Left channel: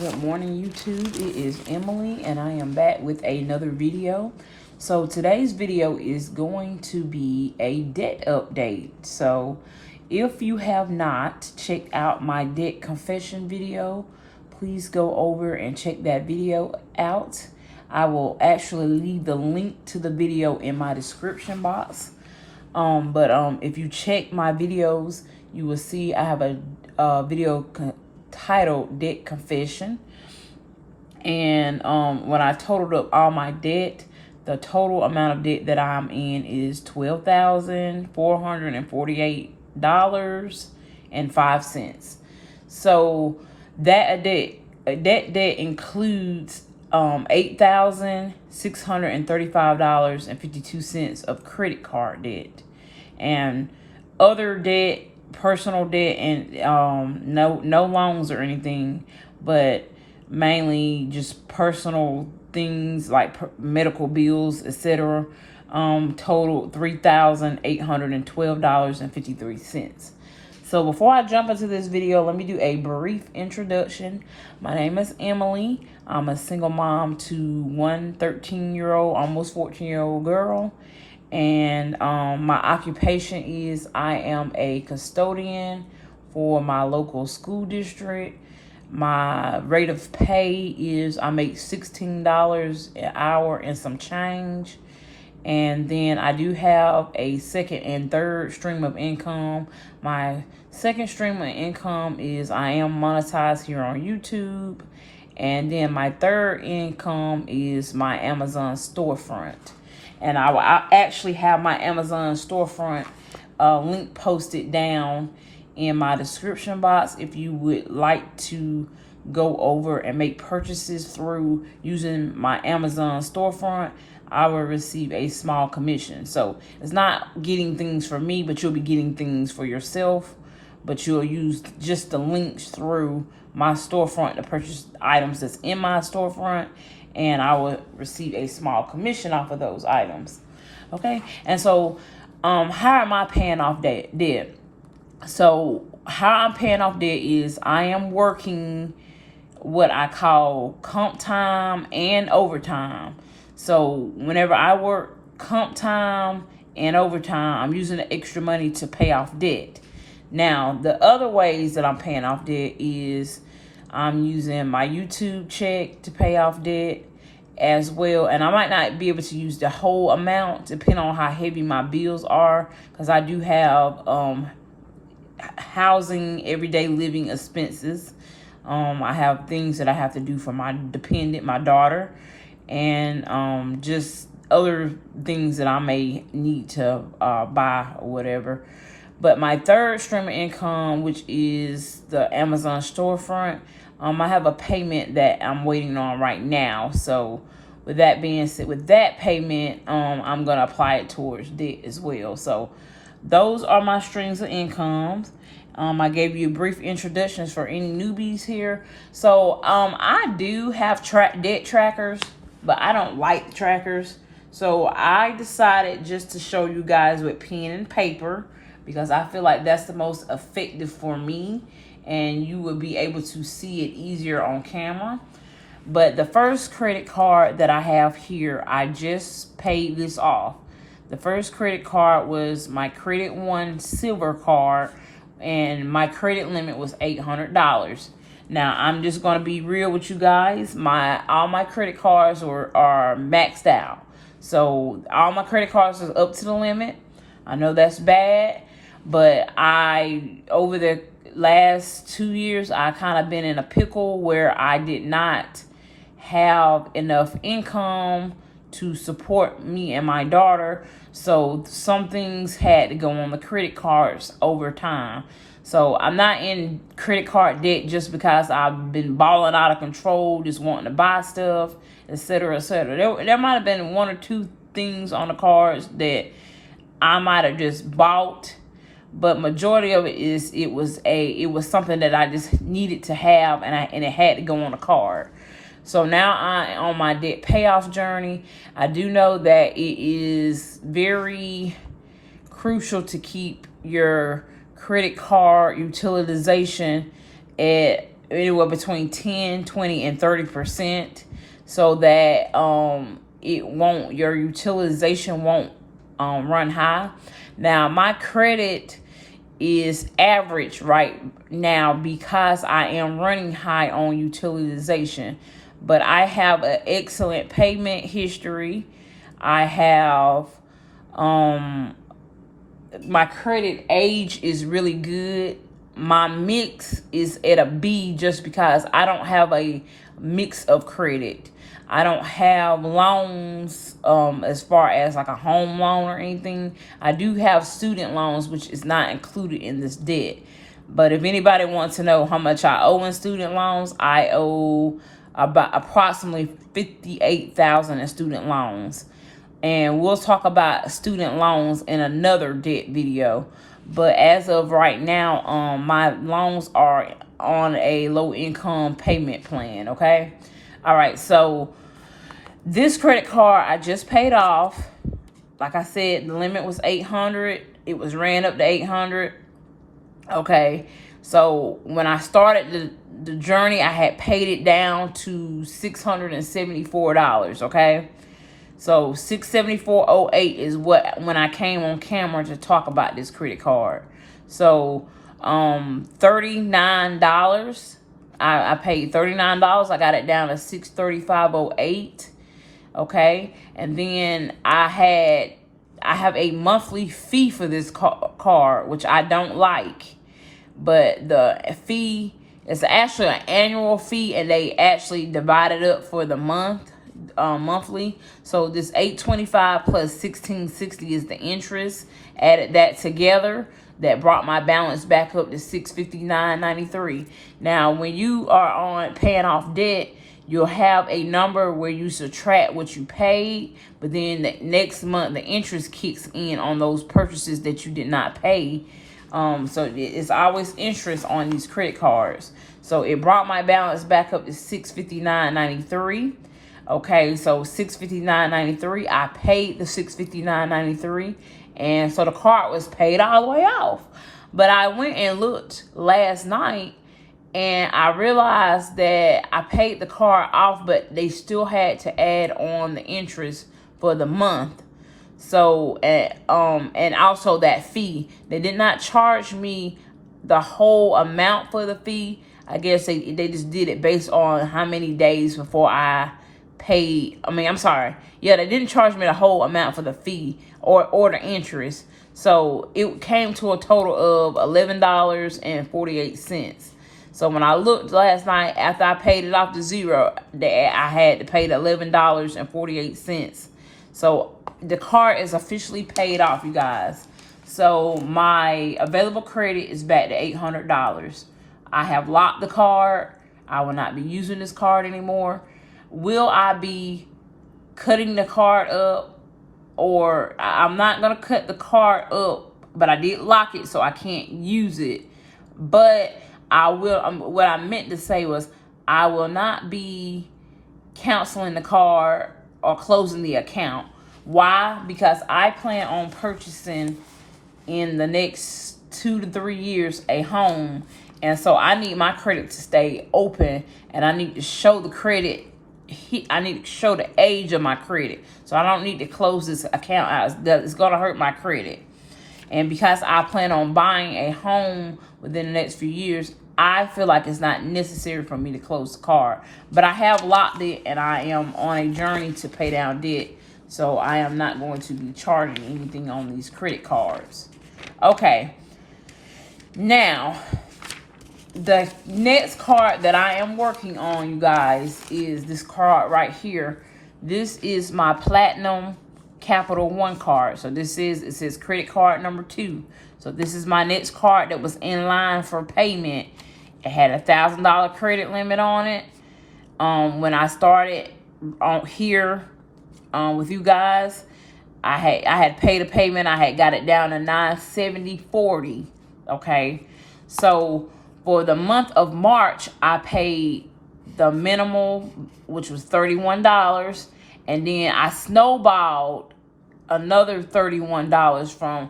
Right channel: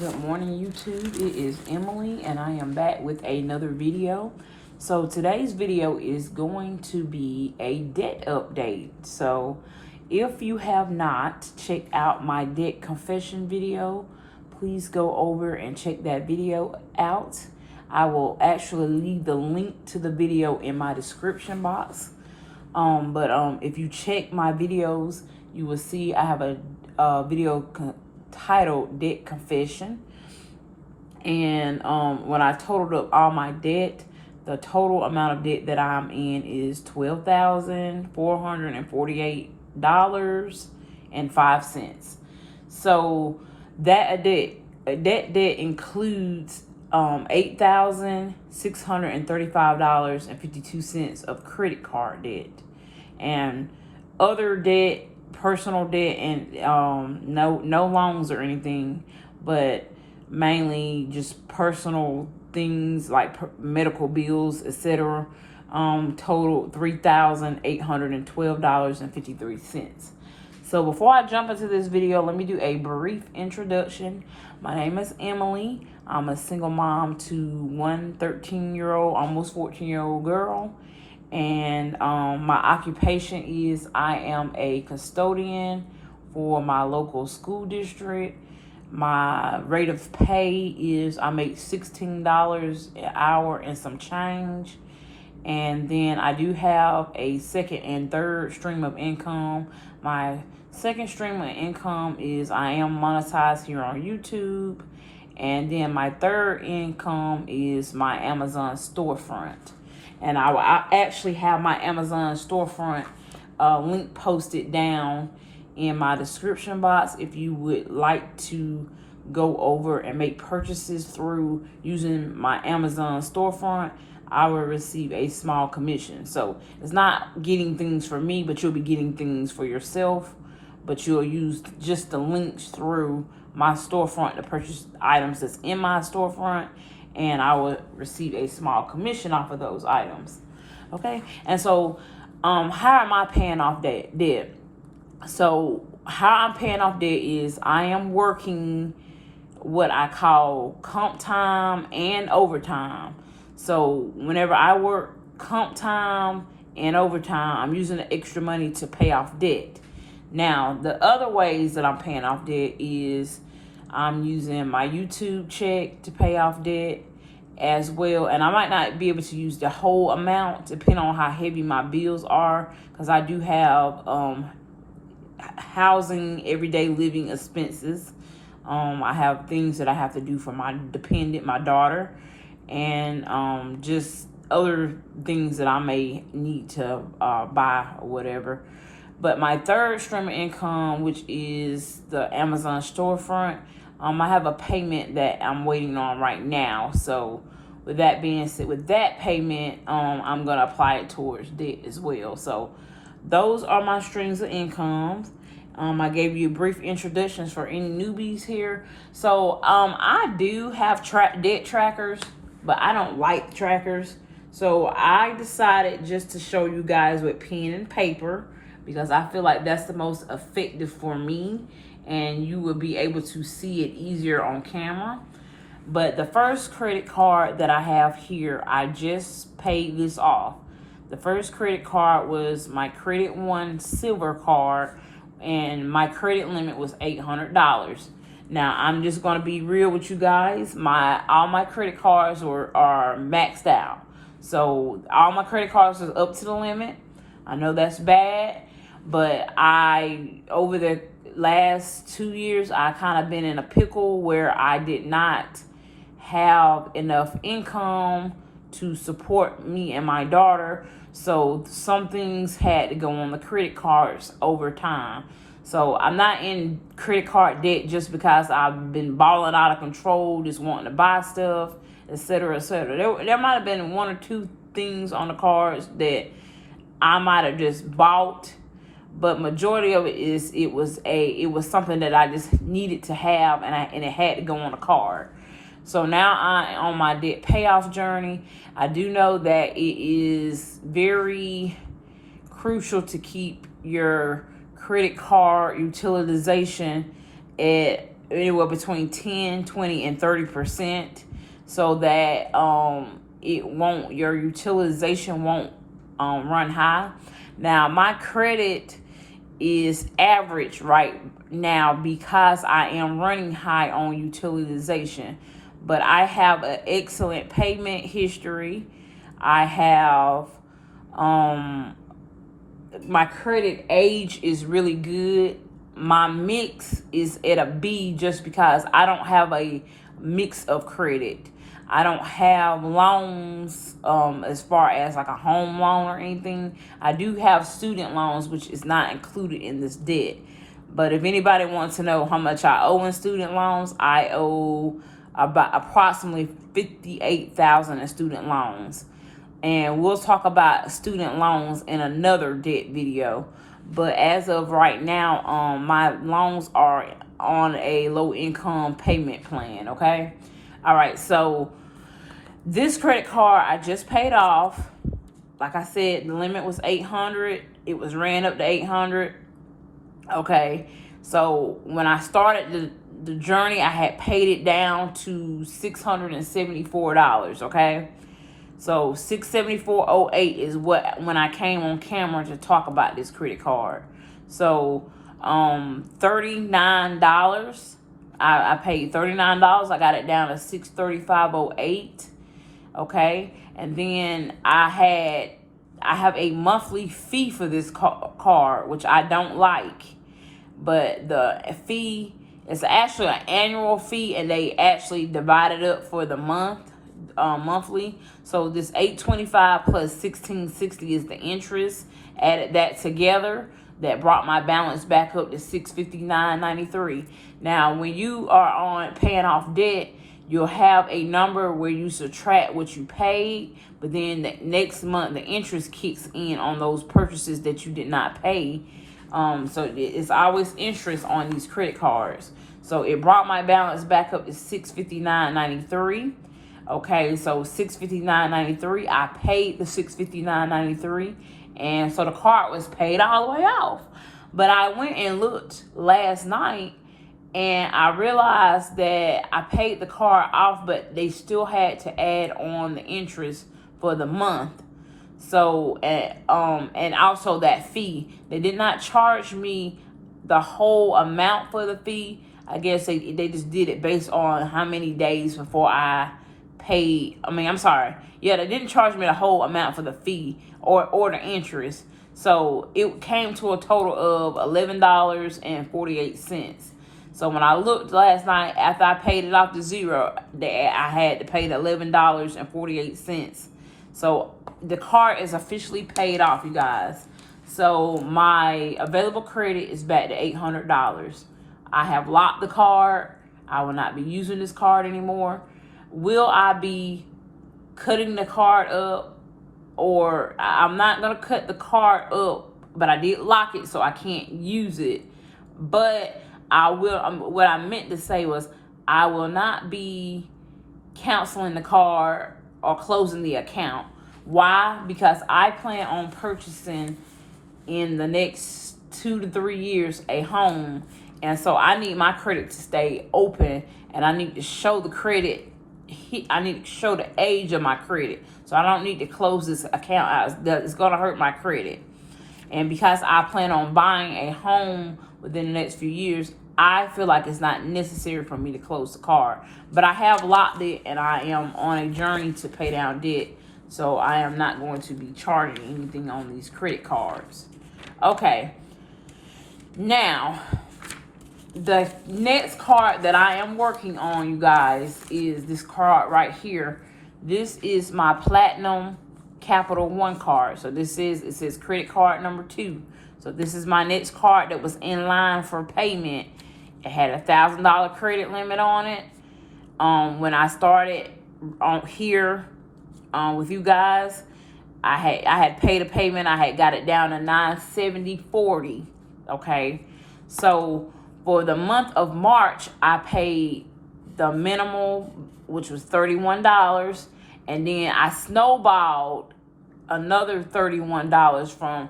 Good morning, YouTube. It is Emily, and I am back with another video. So today's video is going to be a debt update. So if you have not checked out my debt confession video, please go over and check that video out. I will actually leave the link to the video in my description box. If you check my videos, you will see I have a video titled Debt Confession. And when I totaled up all my debt, the total amount of debt that I'm in is $12,448.05. So that debt includes $8,635.52 of credit card debt and other debt, personal debt, and no loans or anything, but mainly just personal things like medical bills, etc. Total $3,812.53. So before I jump into this video, let me do a brief introduction. My name is Emily. I'm a single mom to one 13-year-old, almost 14-year-old girl. And my occupation is I am a custodian for my local school district. My rate of pay is I make $16 an hour and some change. And then I do have a second and third stream of income. My second stream of income is I am monetized here on YouTube. And then my third income is my Amazon storefront. And I actually have my Amazon storefront link posted down in my description box if you would like to go over and make purchases through using my Amazon storefront. I will receive a small commission. So it's not getting things for me, but you'll be getting things for yourself. But you'll use just the links through my storefront to purchase items that's in my storefront, and I will receive a small commission off of those items. Okay, and so how am I paying off debt? So how I'm paying off debt is I am working what I call comp time and overtime. So whenever I work comp time and overtime, I'm using the extra money to pay off debt. Now, the other ways that I'm paying off debt is I'm using my YouTube check to pay off debt as well. And I might not be able to use the whole amount depending on how heavy my bills are, because I do have housing, everyday living expenses. I have things that I have to do for my dependent, my daughter, and just other things that I may need to buy or whatever. But my third stream of income, which is the Amazon storefront, I have a payment that I'm waiting on right now. So with that being said, with that payment, I'm going to apply it towards debt as well. So those are my streams of incomes. I gave you brief introductions for any newbies here. So I do have debt trackers, but I don't like trackers. So I decided just to show you guys with pen and paper, because I feel like that's the most effective for me, and you will be able to see it easier on camera. But the first credit card that I have here, I just paid this off. The first credit card was my Credit One Silver card, and my credit limit was $800. Now, I'm just going to be real with you guys. All my credit cards are maxed out. So all my credit cards are up to the limit. I know that's bad, but over the last 2 years, I kind of been in a pickle where I did not have enough income to support me and my daughter. So some things had to go on the credit cards over time. So I'm not in credit card debt just because I've been balling out of control, just wanting to buy stuff, etc., etc. There might have been one or two things on the cards that I might have just bought, but majority of it was something that I just needed to have, and it had to go on a card. So now I'm on my debt payoff journey. I do know that it is very crucial to keep your credit card utilization at anywhere between 10, 20, and 30%, so that your utilization won't run high. Now my credit is average right now because I am running high on utilization, but I have an excellent payment history. I have my credit age is really good. My mix is at a B just because I don't have a mix of credit. I don't have loans as far as like a home loan or anything. I do have student loans, which is not included in this debt. But if anybody wants to know how much I owe in student loans, I owe about approximately $58,000 in student loans. And we'll talk about student loans in another debt video. But as of right now, my loans are on a low income payment plan, okay? All right, so this credit card I just paid off. Like I said, the limit was $800. It was ran up to $800. Okay, so when I started the journey, I had paid it down to $674, okay? So $674.08 is when I came on camera to talk about this credit card. So $39. I paid $39. I got it down to $635.08. Okay, and then I have a monthly fee for this card, which I don't like, but the fee is actually an annual fee, and they actually divide it up for the monthly. So this $825 plus $1660 is the interest. Added that together, that brought my balance back up to $659.93. Now, when you are on paying off debt, you'll have a number where you subtract what you paid, but then the next month the interest kicks in on those purchases that you did not pay. So it's always interest on these credit cards. So it brought my balance back up to $659.93. Okay, so $659.93. I paid the $659.93, and so the card was paid all the way off. But I went and looked last night, and I realized that I paid the card off, but they still had to add on the interest for the month. So, and also that fee. They did not charge me the whole amount for the fee. I guess they just did it based on how many days before I paid. Yeah, they didn't charge me the whole amount for the fee or the interest. So it came to a total of $11.48. So when I looked last night, after I paid it off to zero, I had to pay the $11.48. So the card is officially paid off, you guys. So my available credit is back to $800. I have locked the card. I will not be using this card anymore. Will I be cutting the card up? Or I'm not going to cut the card up, but I did lock it so I can't use it. But I will, what I meant to say was, I will not be canceling the card or closing the account. Why? Because I plan on purchasing in the next 2 to 3 years a home. And so I need my credit to stay open, and I need to show the credit. I need to show the age of my credit. So I don't need to close this account out. It's going to hurt my credit. And because I plan on buying a home within the next few years, I feel like it's not necessary for me to close the card. But I have locked it, and I am on a journey to pay down debt. So I am not going to be charging anything on these credit cards. Okay. Now, the next card that I am working on, you guys, is this card right here. This is my Platinum Capital One card. So it says credit card number 2. So this is my next card that was in line for payment. It had a $1,000 credit limit on it. When I started on here with you guys, I had paid a payment. I had got it down to $970.40. Okay, so for the month of March, I paid the minimal, which was $31, and then I snowballed another $31 from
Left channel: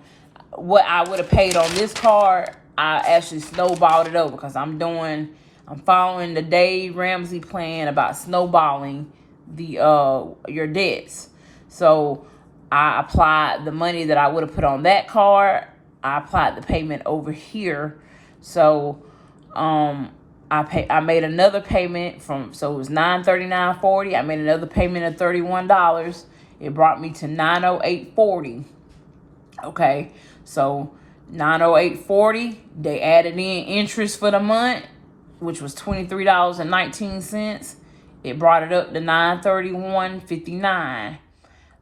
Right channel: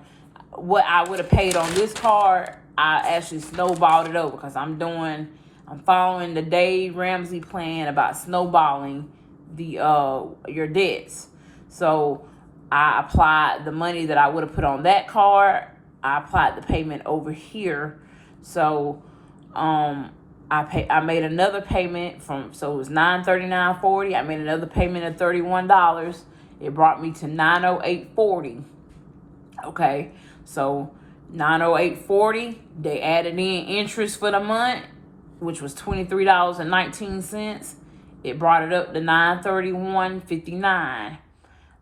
what I would have paid on this card. I actually snowballed it over because I'm doing I'm following the Dave Ramsey plan about snowballing your debts. So I applied the money that I would have put on that card. I applied the payment over here. So I made another payment so it was $939.40. I made another payment of $31. It brought me to $908.40. Okay, so $908.40. They added in interest for the month, which was $23.19. It brought it up to $931.59.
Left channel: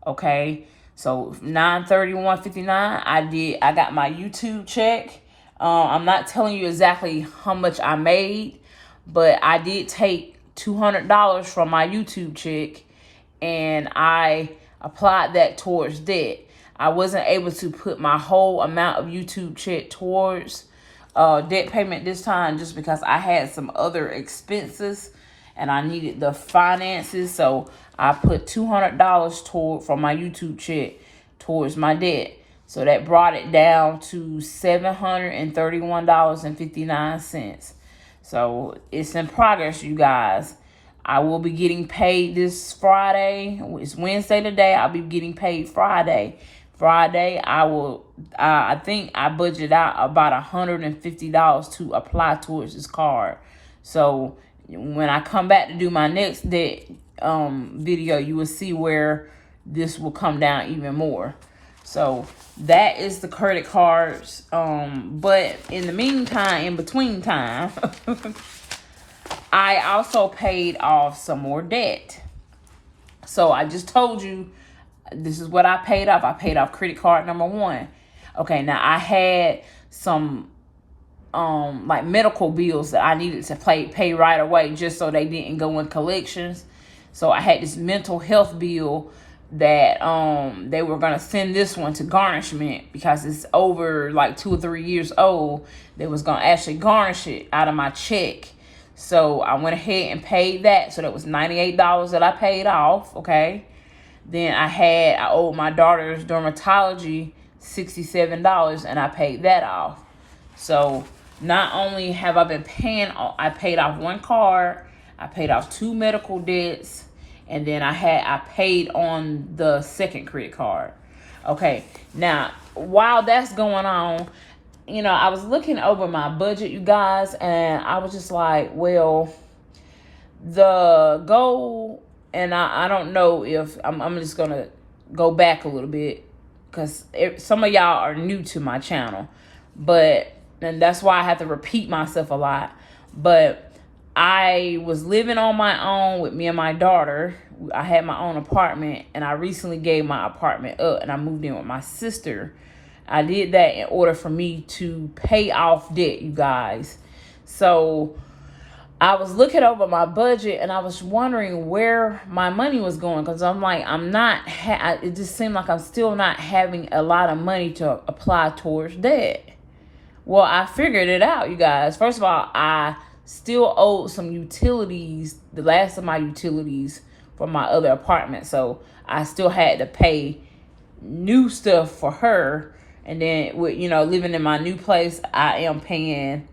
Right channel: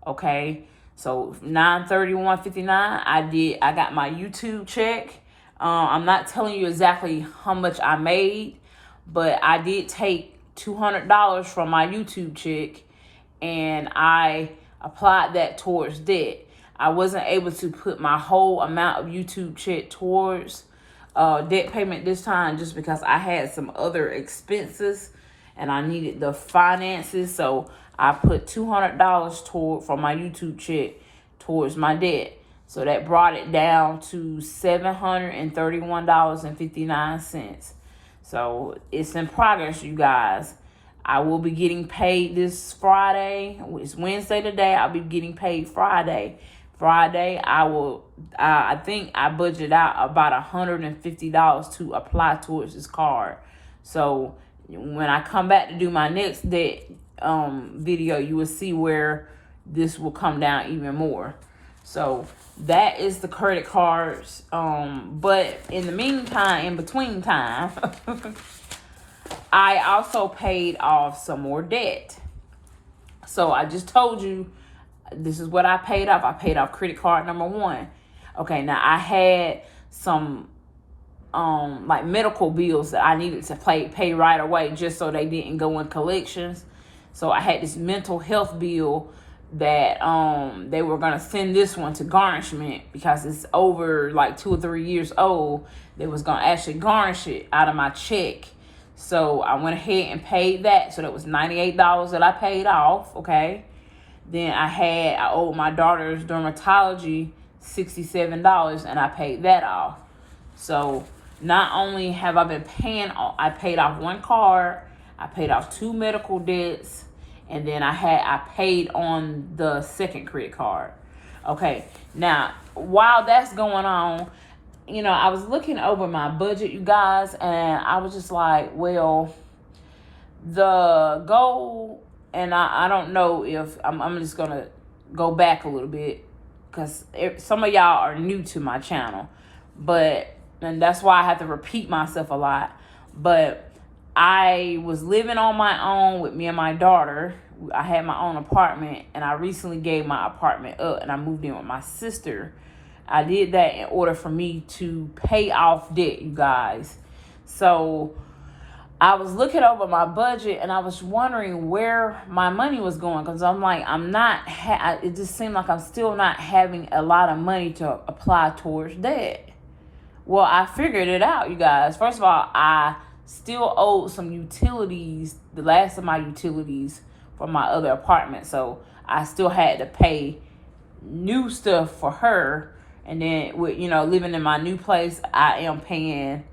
Okay, so $931.59. I got my YouTube check. I'm not telling you exactly how much I made, but I did take $200 from my YouTube check, and I applied that towards debt. I wasn't able to put my whole amount of YouTube check towards debt payment this time, just because I had some other expenses and I needed the finances. So I put $200 from my YouTube check towards my debt. So that brought it down to $731.59. So it's in progress, you guys. I will be getting paid this Friday. It's Wednesday today. I'll be getting paid Friday. I think I budgeted out about $150 to apply towards this card. So when I come back to do my next debt video, you will see where this will come down even more. So that is the credit cards. But in the meantime, in between time, I also paid off some more debt. So I just told you, this is what I paid off. I paid off credit card number 1. Okay, now I had some like medical bills that I needed to pay right away, just so they didn't go in collections. So I had this mental health bill that they were gonna send this one to garnishment because it's over like 2 or 3 years old. They was gonna actually garnish it out of my check. So I went ahead and paid that. So that was $98 that I paid off. Okay. Then I owed my daughter's dermatology $67, and I paid that off. So not only have I been paying, I paid off 1 card, I paid off 2 medical debts, and then I paid on the second credit card. Okay, now while that's going on, I was looking over my budget, you guys, and I was just like, well, the goal, and I don't know if I'm just gonna go back a little bit, because some of y'all are new to my channel, and that's why I have to repeat myself a lot. But I was living on my own with me and my daughter. I had my own apartment, and I recently gave my apartment up, and I moved in with my sister. I did that in order for me to pay off debt, you guys. So I was looking over my budget, and I was wondering where my money was going, because I'm like, it just seemed like I'm still not having a lot of money to apply towards debt. Well, I figured it out, you guys. First of all, I still owed some utilities, the last of my utilities from my other apartment. So I still had to pay new stuff for her. And then with, living in my new place, I am paying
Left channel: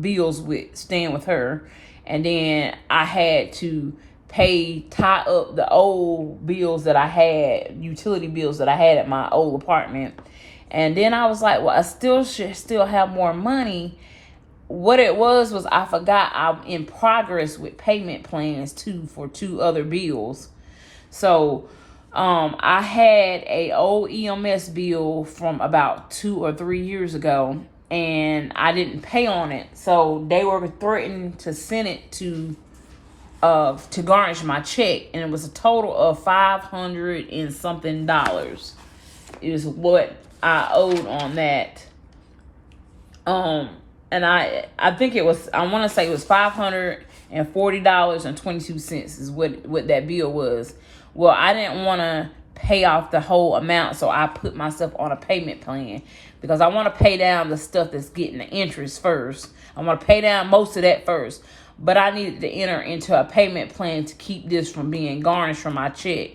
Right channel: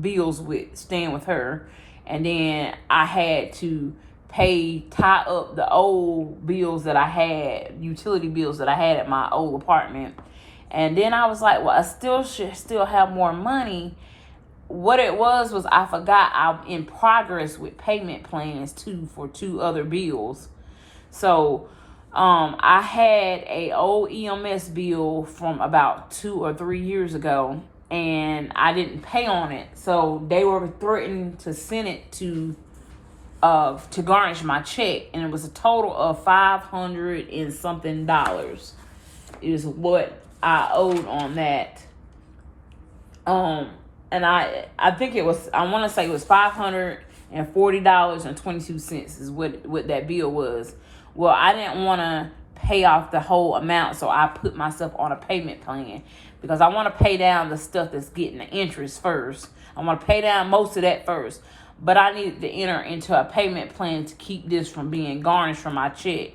bills with staying with her. And then I had to tie up the old bills that I had, utility bills that I had at my old apartment. And then I was like, well, I should still have more money. What it was I forgot I'm in progress with payment plans too for 2 other bills. So I had a old EMS bill from about 2 or 3 years ago, and I didn't pay on it. So they were threatening to send it to garnish my check, and it was a total of $500 and something is what I owed on that. And I think it was, I want to say it was $540.22 is what that bill was. Well, I didn't want to pay off the whole amount, so I put myself on a payment plan, because I want to pay down the stuff that's getting the interest first. I want to pay down most of that first, but I needed to enter into a payment plan to keep this from being garnished from my check.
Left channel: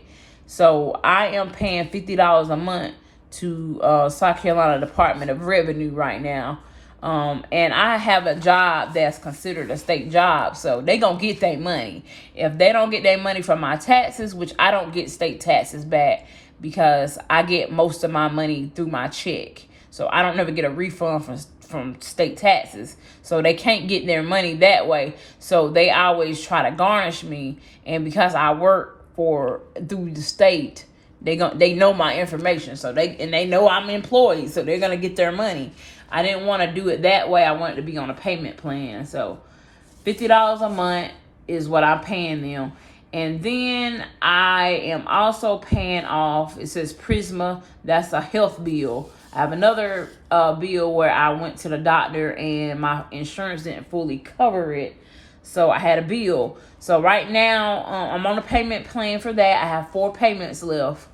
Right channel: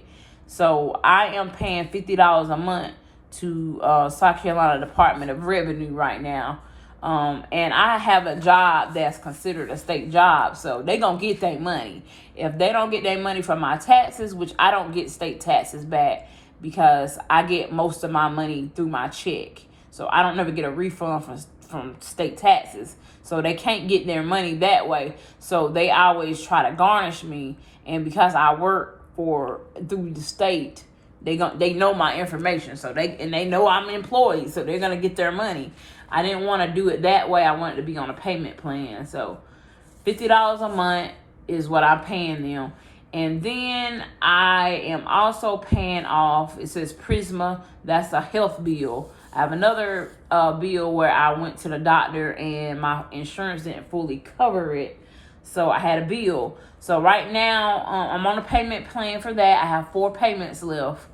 So I am paying $50 a month to South Carolina Department of Revenue right now. And I have a job that's considered a state job, so they gonna get their money. If they don't get their money from my taxes, which I don't get state taxes back because I get most of my money through my check, so I don't never get a refund from state taxes. So they can't get their money that way. So they always try to garnish me, and because I work through the state, they know my information, so they know I'm employed, so they're gonna get their money. I didn't want to do it that way. I wanted to be on a payment plan. So $50 a month is what I'm paying them. And then I am also paying off, it says Prisma, that's a health bill. I have another bill where I went to the doctor and my insurance didn't fully cover it, so I had a bill. So right now, I'm on a payment plan for that. I have 4 payments left.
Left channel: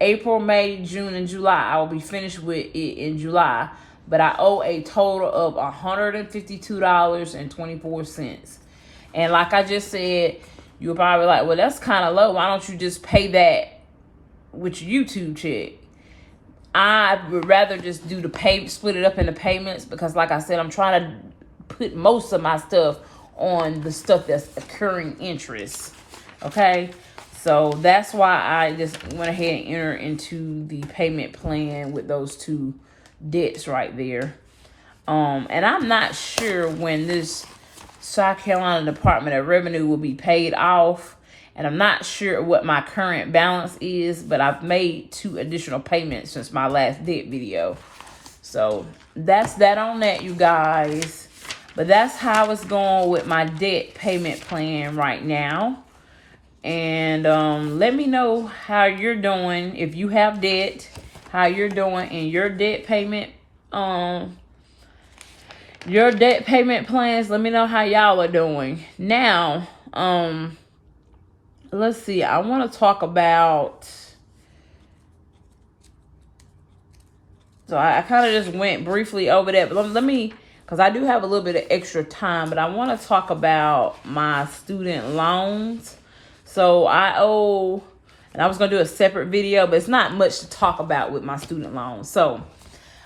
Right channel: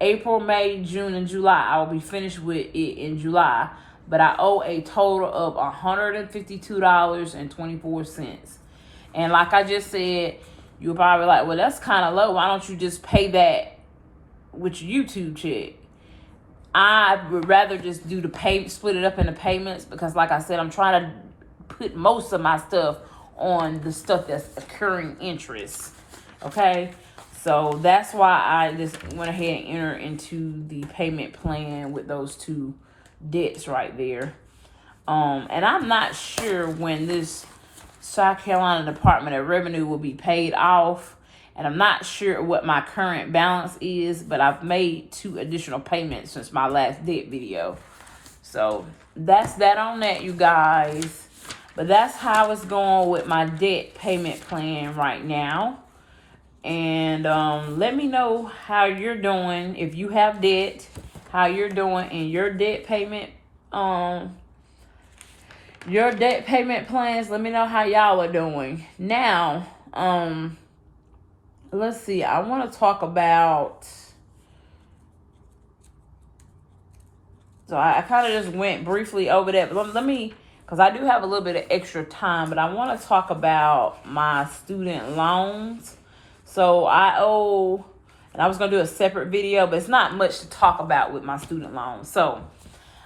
April, May, June, and July. I will be finished with it in July. But I owe a total of $152.24. And like I just said, you're probably like, well, that's kind of low. Why don't you just pay that with your YouTube check? I would rather just do split it up into payments, because like I said, I'm trying to put most of my stuff on the stuff that's accruing interest. Okay? So that's why I just went ahead and entered into the payment plan with those 2 debts right there. And I'm not sure when this South Carolina Department of Revenue will be paid off, and I'm not sure what my current balance is, but I've made 2 additional payments since my last debt video. So that's that on that, you guys. But that's how it's going with my debt payment plan right now. And let me know how you're doing. If you have debt, how you're doing in your debt payment plans. Let me know how y'all are doing. Now, let's see. I want to talk about, so I kind of just went briefly over that. Let me, because I do have a little bit of extra time, but I want to talk about my student loans. So I owe, and I was going to do a separate video, but it's not much to talk about with my student loans. So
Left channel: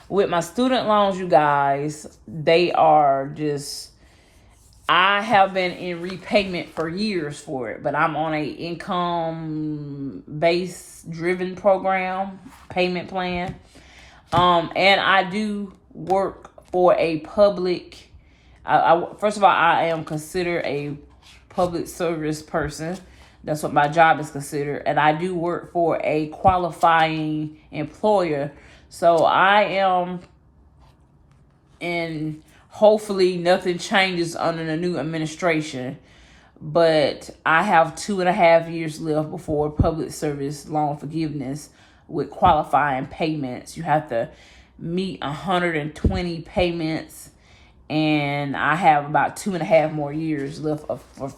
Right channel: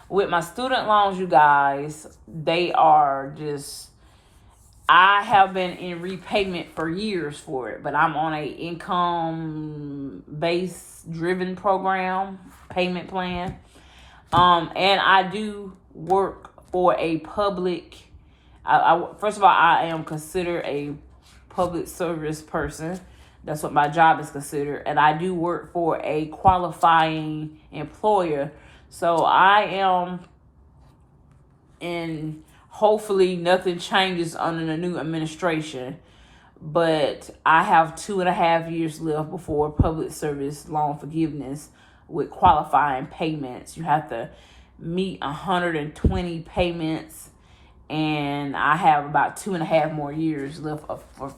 with my student loans, you guys, they are just, I have been in repayment for years for it, but I'm on a income-based driven program, payment plan. And I do work for a public, first of all, I am considered a public service person. That's what my job is considered. And I do work for a qualifying employer. So I am, and hopefully nothing changes under the new administration. But I have 2.5 years left before public service loan forgiveness with qualifying payments. You have to meet 120 payments, and I have about 2.5 more years left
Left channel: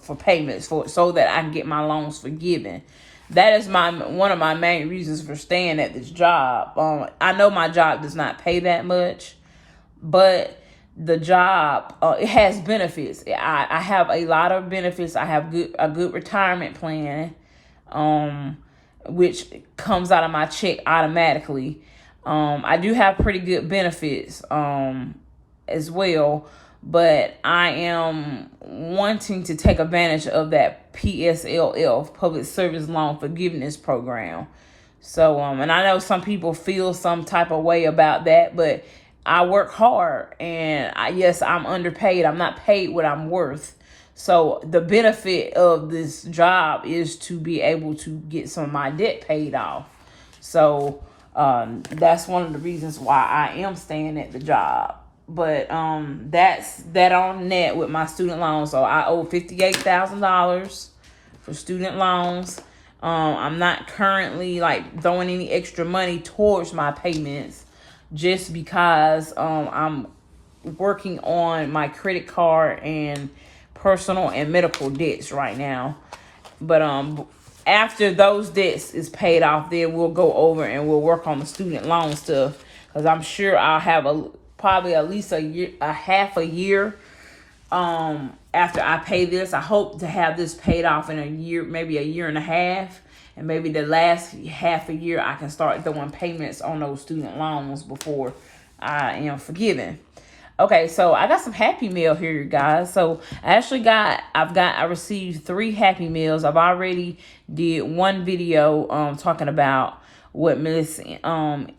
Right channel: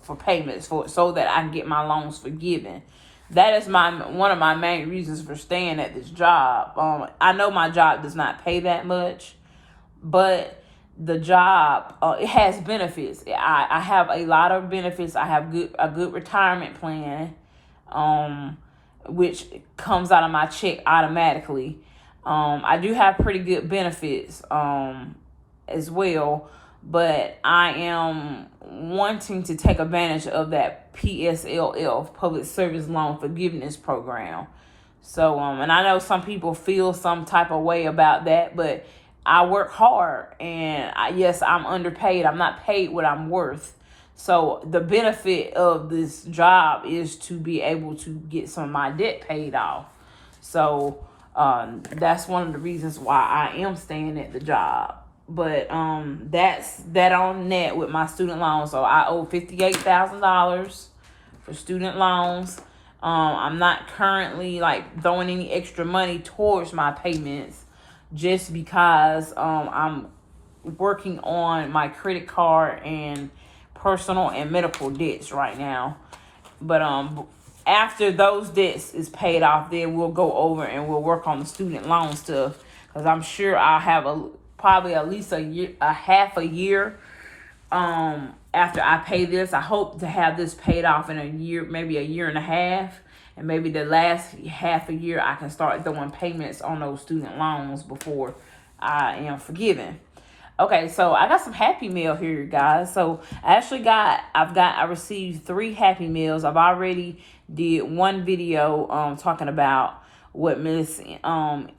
for payments so that I can get my loans forgiven. That is one of my main reasons for staying at this job. I know my job does not pay that much, but the job, it has benefits. I have a lot of benefits. I have a good retirement plan, which comes out of my check automatically. I do have pretty good benefits as well, but I am wanting to take advantage of that PSLF, Public Service Loan Forgiveness Program. So, and I know some people feel some type of way about that, but I work hard, and yes, I'm underpaid. I'm not paid what I'm worth. So the benefit of this job is to be able to get some of my debt paid off. So that's one of the reasons why I am staying at the job. But that's that on net with my student loans. So I owe $58,000 for student loans. I'm not currently like throwing any extra money towards my payments, just because I'm working on my credit card and personal and medical debts right now. But after those debts is paid off, then we'll go over and we'll work on the student loan stuff, because I'm sure I'll have probably at least half a year after I pay this. I hope to have this paid off in a year, maybe a year and a half. And maybe the last half a year I can start throwing payments on those student loans before I am forgiven. Okay, so I got some Happy Meal here, you guys. So I received 3 Happy Meals. I've already did one video talking about what Miss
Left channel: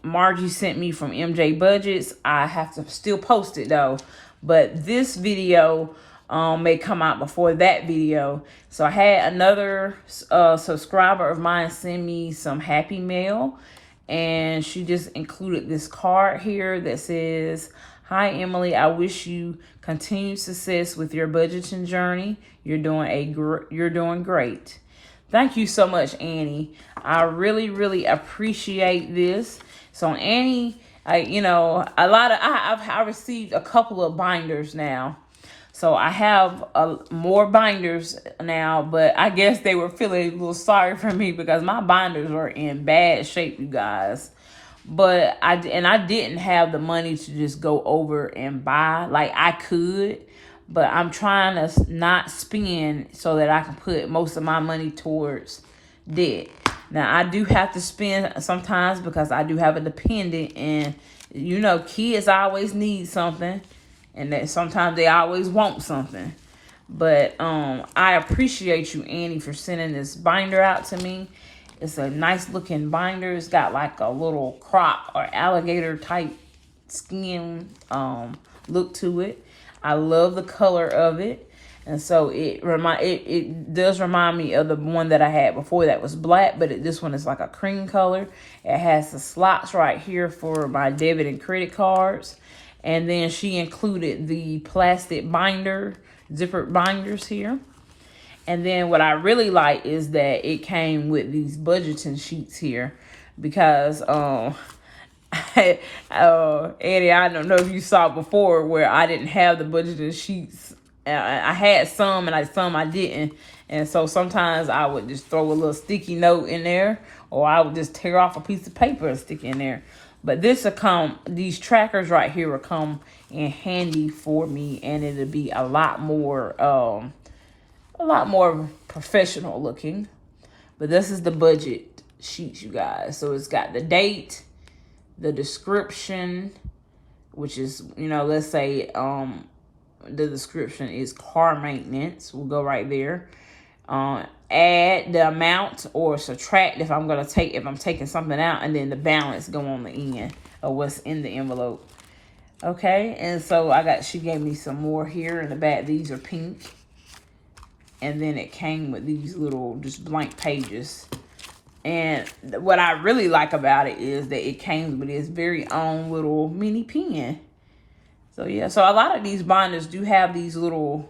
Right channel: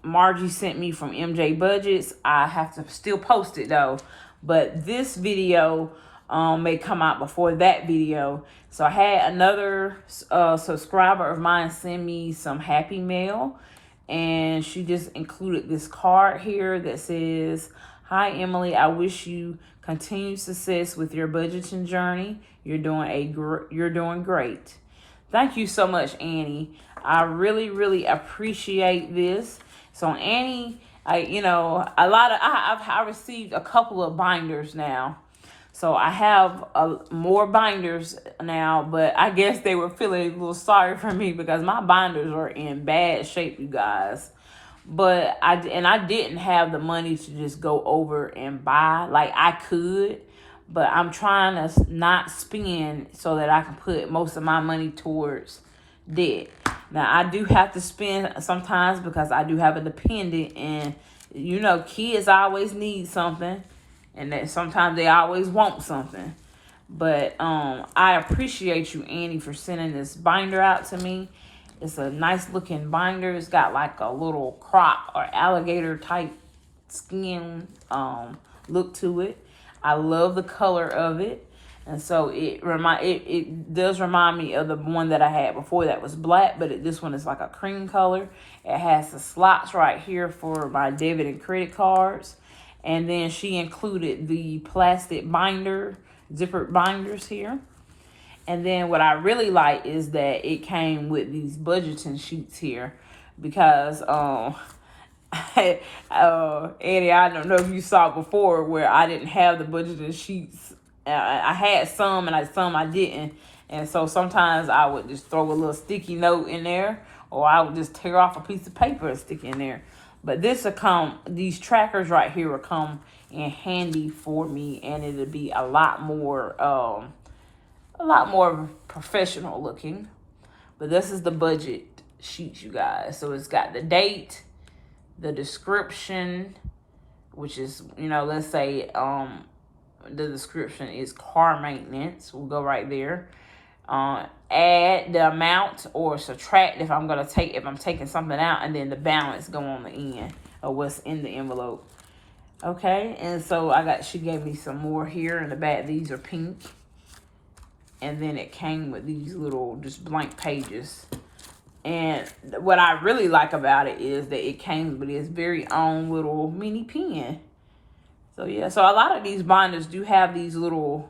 Margie sent me from MJ Budgets. I have to still post it though, but this video may come out before that video. So I had another subscriber of mine send me some Happy Mail, and she just included this card here that says, "Hi Emily, I wish you continued success with your budgeting journey. You're doing great." Thank you so much, Annie. I really appreciate this. So Annie, I received a couple of binders now. So I have more binders now, but I guess they were feeling a little sorry for me because my binders are in bad shape, you guys. But I didn't have the money to just go over and buy. Like, I could, but I'm trying to not spend so that I can put most of my money towards debt. Now, I do have to spend sometimes because I do have a dependent, and kids always need something. And that sometimes they always want something. But I appreciate you, Annie, for sending this binder out to me. It's a nice looking binder. It's got like a little croc or alligator type skin look to it. I love the color of it. And so it does remind me of the one that I had before that was black, but this one is like a cream color. It has the slots right here for my debit and credit cards. And then she included the plastic binder, zippered binders here. And then what I really like is that it came with these budgeting sheets here, because Eddie, I don't know if you saw before where I didn't have the budgeting sheets. I had some and some I didn't. And so sometimes I would just throw a little sticky note in there, or I would just tear off a piece of paper and stick in there. But these trackers right here will come in handy for me, and it'll be a lot more professional looking. But this is the budget sheet, you guys. So it's got the date, the description, which is, let's say the description is car maintenance. We'll go right there. Add the amount or subtract if I'm taking something out, and then the balance go on the end of what's in the envelope. Okay, and so she gave me some more here in the back. These are pink. And then it came with these little just blank pages. And what I really like about it is that it came with its very own little mini pen. So yeah, so a lot of these binders do have these little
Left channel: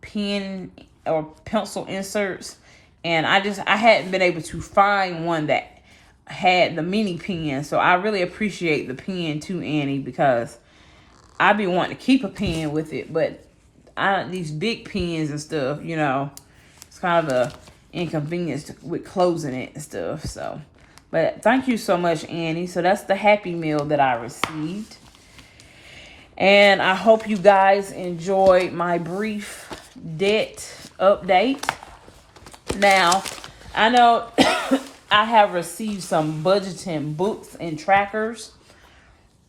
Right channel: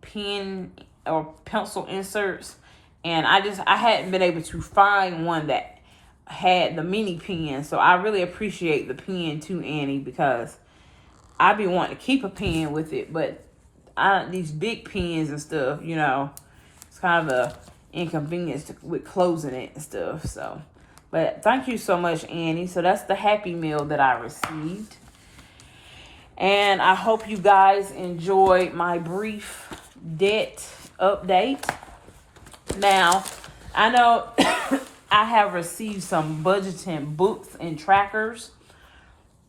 pen or pencil inserts, and I hadn't been able to find one that had the mini pen. So I really appreciate the pen too, Annie, because I be wanting to keep a pen with it, but these big pens and stuff, it's kind of a inconvenience with closing it and stuff. So, but thank you so much, Annie. So that's the Happy Meal that I received. And I hope you guys enjoyed my brief debt update. Now, I know I have received some budgeting books and trackers,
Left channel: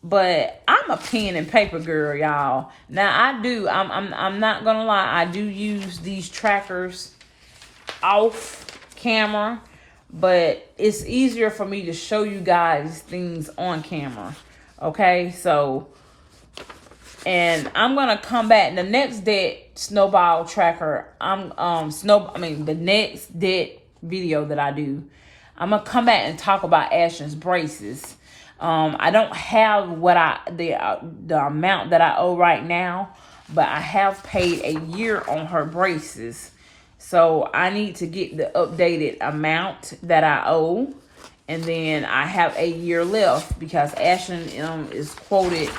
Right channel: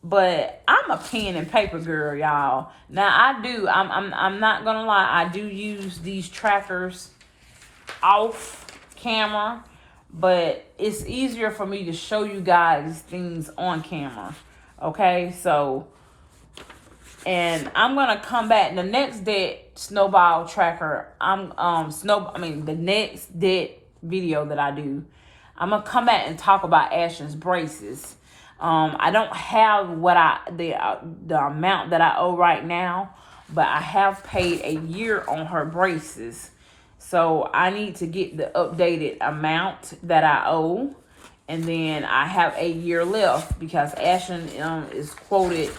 but I'm a pen and paper girl, y'all. Now I'm not gonna lie, I do use these trackers off camera, but it's easier for me to show you guys things on camera. Okay, so, and I'm gonna come back the next debt snowball tracker. The next debt video that I do, I'm gonna come back and talk about Ashton's braces. I don't have the amount that I owe right now, but I have paid a year on her braces. So I need to get the updated amount that I owe, and then I have a year left because Ashton is quoted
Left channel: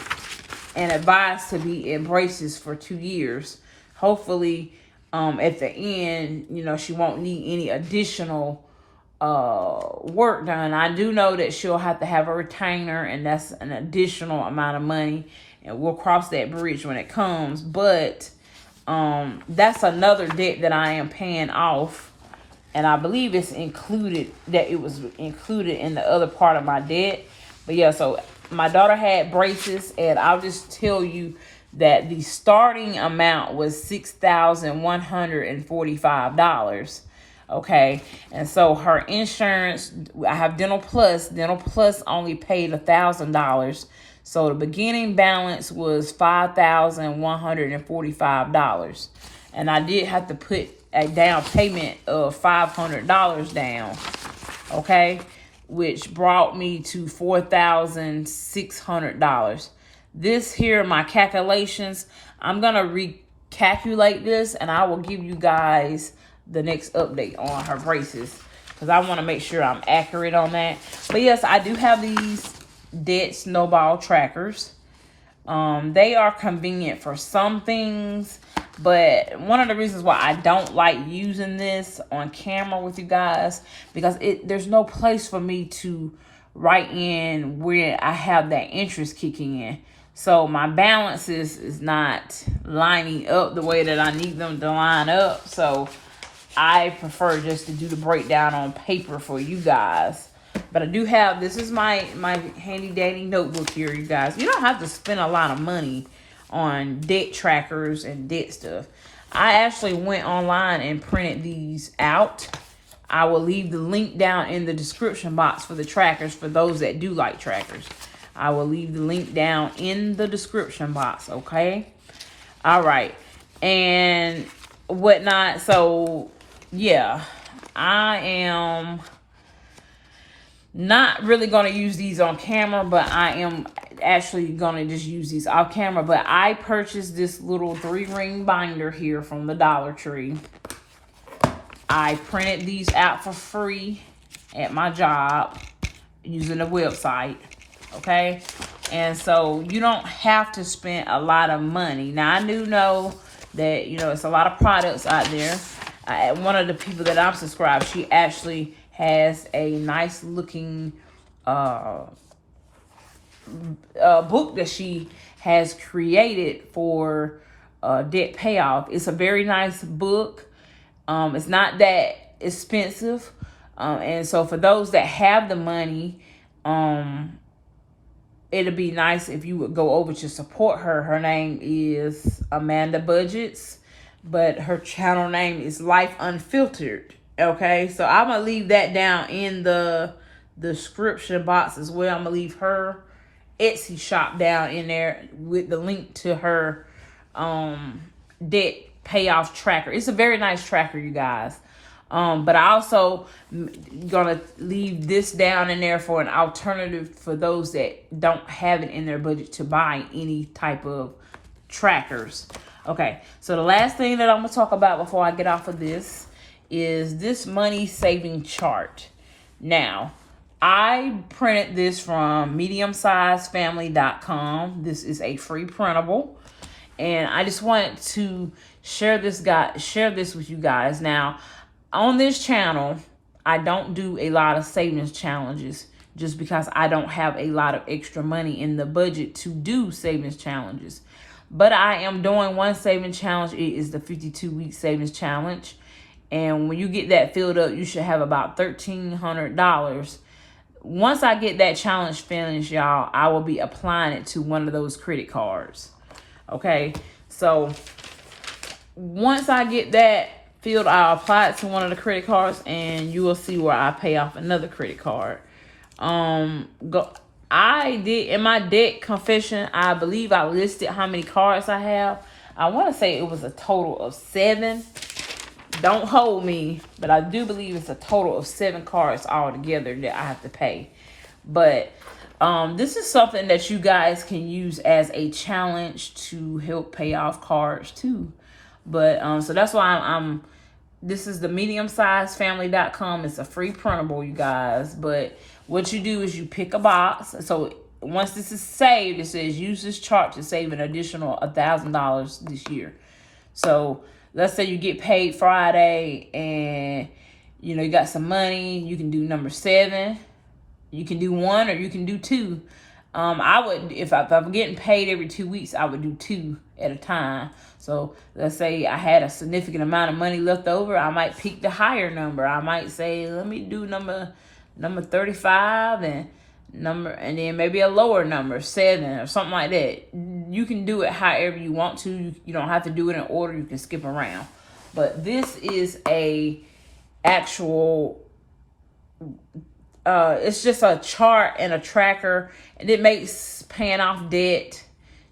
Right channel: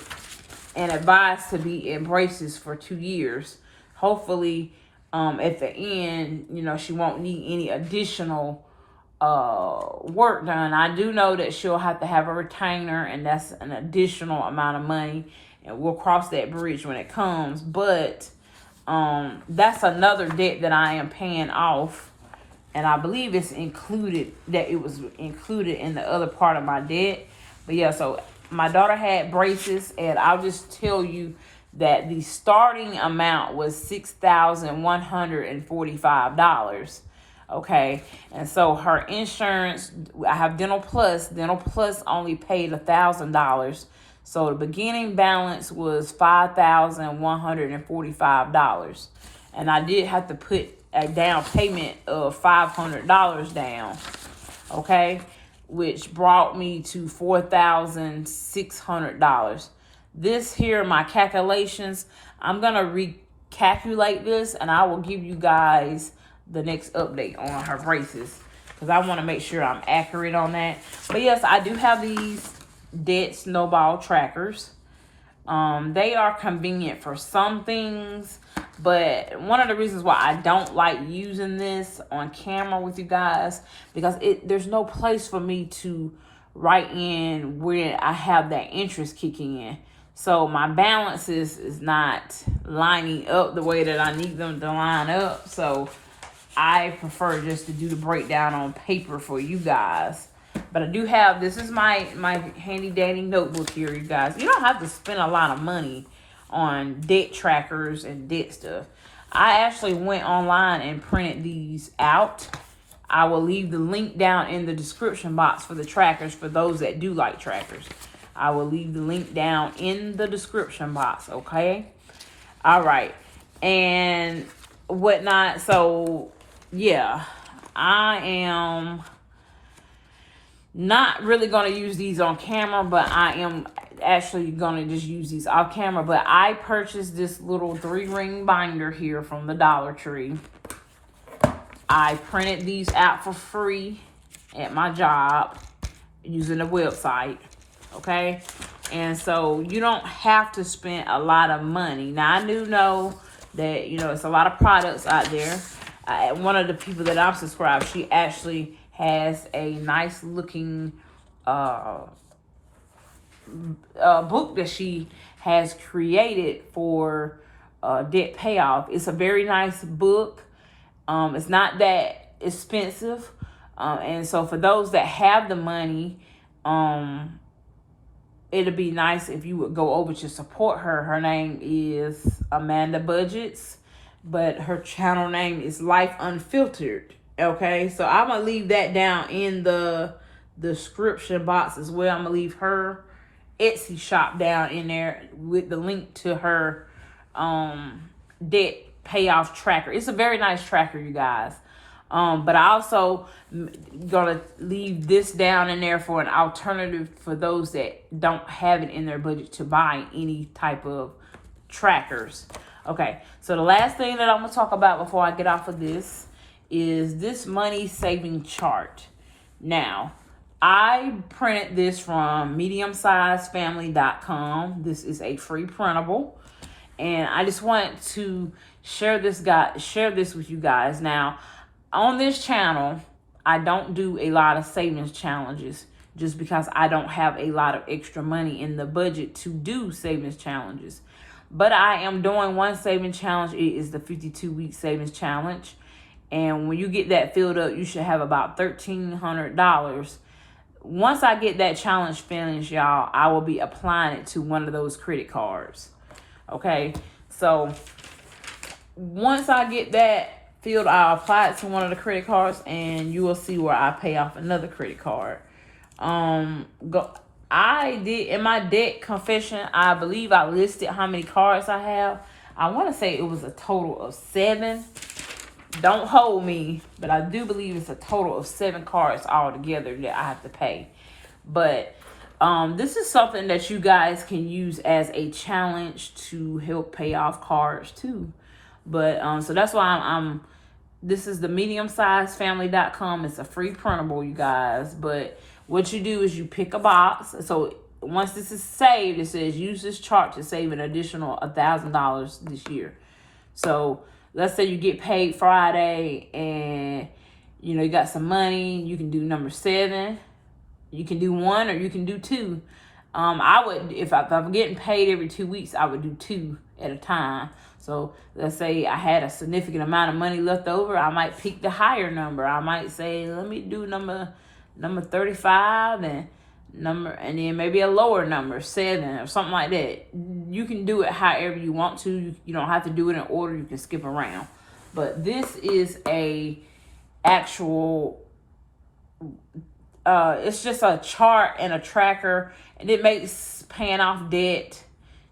and advised to be in braces for 2 years. Hopefully, at the end, she won't need any additional work done. I do know that she'll have to have a retainer, and that's an additional amount of money, and we'll cross that bridge when it comes. But that's another debt that I am paying off, and I believe it was included in the other part of my debt. But yeah, so my daughter had braces, and I'll just tell you that the starting amount was $6,145. Okay, and so her insurance, I have Dental Plus. Dental Plus only paid $1,000. So the beginning balance was $5,145. And I did have to put a down payment of $500 down. Okay, which brought me to $4,600. This here, my calculations, I'm going to recalculate this, and I will give you guys the next update on her braces, because I want to make sure I'm accurate on that. But yes, I do have these debt snowball trackers. They are convenient for some things, but one of the reasons why I don't like using this on camera with you guys, because there's no place for me to write in where I have that interest kicking in. So my balance is not lining up the way that I need them to line up. So I prefer just to do the breakdown on paper for you guys. But I do have, this is my handy dandy notebook here, you guys. You don't have to spend a lot of money on debt trackers and debt stuff. I actually went online and printed these out. I will leave the link down in the description box for the trackers for those that do like trackers. I will leave the link down in the description box, okay? All right. And whatnot. So, yeah, I am not really going to use these on camera, but I am actually going to just use these off camera. But I purchased this little 3-ring binder here from the Dollar Tree. I printed these out for free at my job using the website, okay? And so you don't have to spend a lot of money. Now, I do know that, you know, it's a lot of products out there. One of the people that I'm subscribed, she actually has a nice looking book that she has created for debt payoff. It's a very nice book. It's not that expensive. And so for those that have the money, it'd be nice if you would go over to support her. Her name is Amanda Budgets, but her channel name is Life Unfiltered. Okay, so I'm gonna leave that down in the description box as well. I'm gonna leave her Etsy shop down in there with the link to her debt payoff tracker. It's a very nice tracker, you guys. But I also gonna leave this down in there for an alternative for those that don't have it in their budget to buy any type of trackers. Okay, so the last thing that I'm gonna talk about before I get off of this is this money saving chart. Now, I printed this from mediumsizefamily.com. This is a free printable, and I just wanted to share this with you guys. Now, on this channel, I don't do a lot of savings challenges just because I don't have a lot of extra money in the budget to do savings challenges. But I am doing one savings challenge. It is the 52-week savings challenge. And when you get that filled up, you should have about $1,300. Once I get that challenge finished, y'all, I will be applying it to one of those credit cards. Okay, so once I get that filled, I'll apply it to one of the credit cards, and you will see where I pay off another credit card. I did in my debt confession, I believe I listed how many cards I have. I want to say it was a total of 7. Don't hold me, but I do believe it's a total of 7 cards altogether that I have to pay. But this is something that you guys can use as a challenge to help pay off cards too. But so that's why this is the mediumsizefamily.com. It's a free printable, you guys. But what you do is you pick a box. So once this is saved, it says use this chart to save an additional $1,000 this year. So let's say you get paid Friday and you got some money. You can do number 7. You can do 1 or you can do 2. I would, if I'm getting paid every 2 weeks, I would do 2 at a time. So let's say I had a significant amount of money left over. I might pick the higher number. I might say, let me do number 35 and number, and then maybe a lower number, 7 or something like that. You can do it however you want to. You don't have to do it in order. You can skip around. But this is a actual, it's just a chart and a tracker, and it makes paying off debt.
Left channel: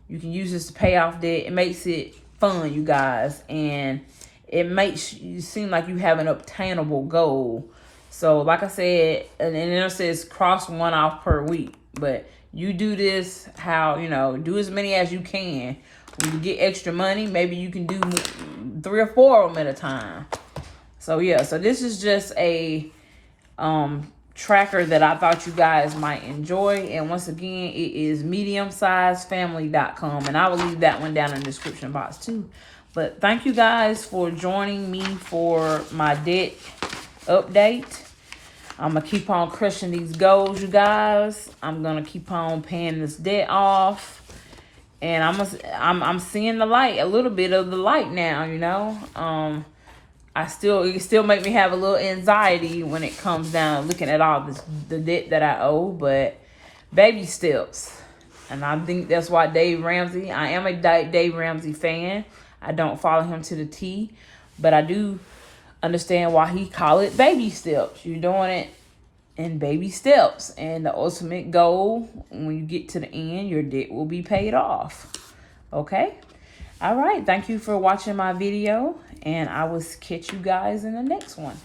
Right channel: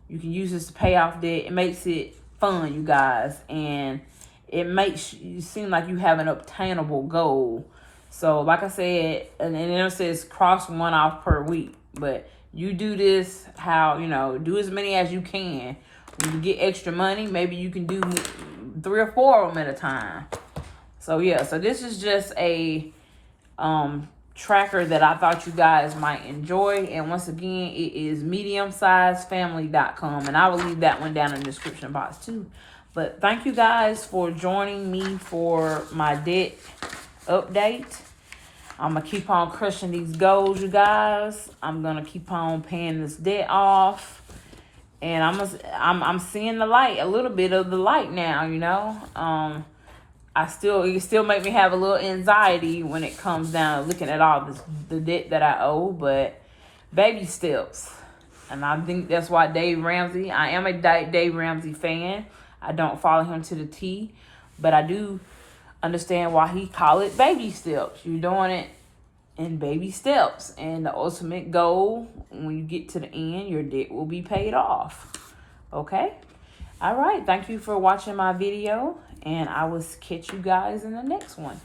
You can use this to pay off debt. It makes it fun, you guys, and it makes you seem like you have an obtainable goal. So like I said, and then it says cross 1 off per week. But you do this how, do as many as you can. When you get extra money, maybe you can do 3 or 4 of them at a time. So yeah, so this is just a tracker that I thought you guys might enjoy. And once again, it is mediumsizedfamily.com. And I will leave that one down in the description box too. But thank you guys for joining me for my debt update. I'm gonna keep on crushing these goals, you guys. I'm gonna keep on paying this debt off, and I'm seeing the light, a little bit of the light now. It still make me have a little anxiety when it comes down to looking at all the debt that I owe, but baby steps. And I think that's why Dave Ramsey. I am a Dave Ramsey fan. I don't follow him to the T, but I do understand why he call it baby steps. You're doing it in baby steps, and the ultimate goal, when you get to the end, your debt will be paid off. Okay? All right. Thank you for watching my video, and I will catch you guys in the next one.